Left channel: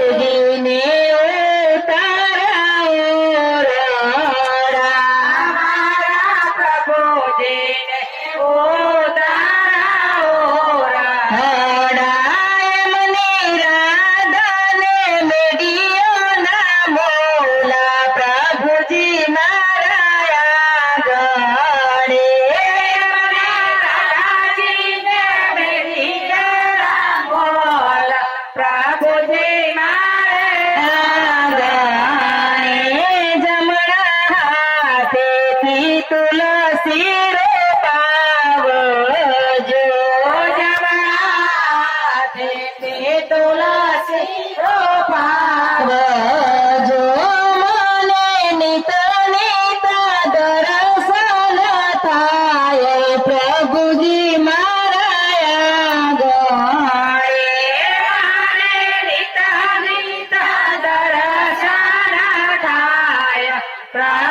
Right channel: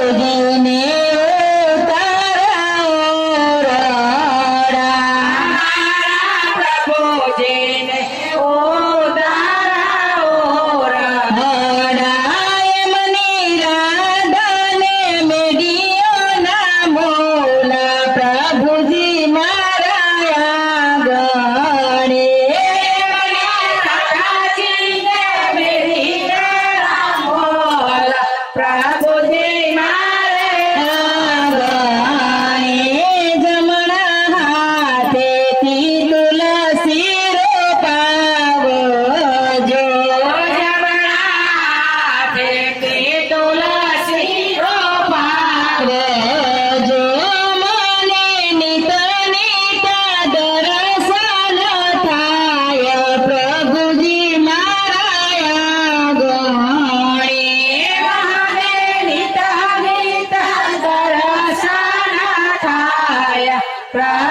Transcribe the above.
દિને pra